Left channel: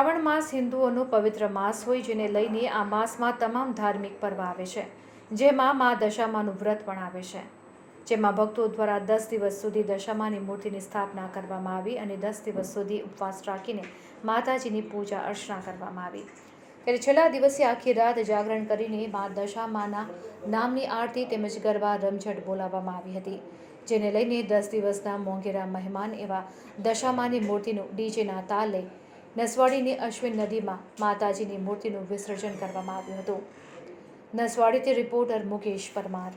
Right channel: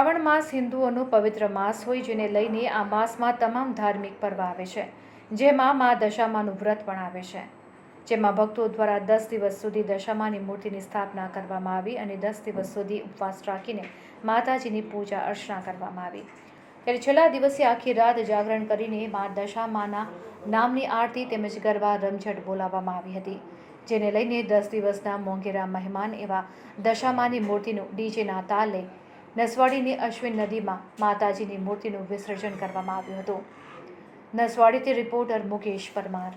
શ્રાવણ માસ હિન્દુઓનો પવિત્ર માસ હોય, જેને લઈને આ માસમાં તમામ ધાર્મિક પર્વ આવે છે, જેમાં મા દશામાનું વ્રત પણ આવે છે, જેમાં ભક્તો દ્વારા 10 દિવસ સુધી દશામાની મૂર્તિની સ્થાપના કરવામાં આવી અને 10 દિવસ સુધી ઉપવાસ રાખીને માતાજીની પૂજા અર્ચના કરવામાં આવી। ત્યારે છેલ્લા દિવસે આખી રાત જાગરણ કરીને મા દશામાના નામની આરતી તેમજ ગરબા રમઝટ બોલાવવામાં આવી હતી, જેને લઈને 10 દિવસના મોંઘેરા મહેમાન એવા દશામાની મૂર્તિનું ડીજેના તાલે નસવાડીની અશ્વિન નદીમાં માતાજીની મૂર્તિનું વિસર્જન કરવામાં આવ્યું હતું। નસવાડીથી રિપોર્ટર મુકેશ પરમાર।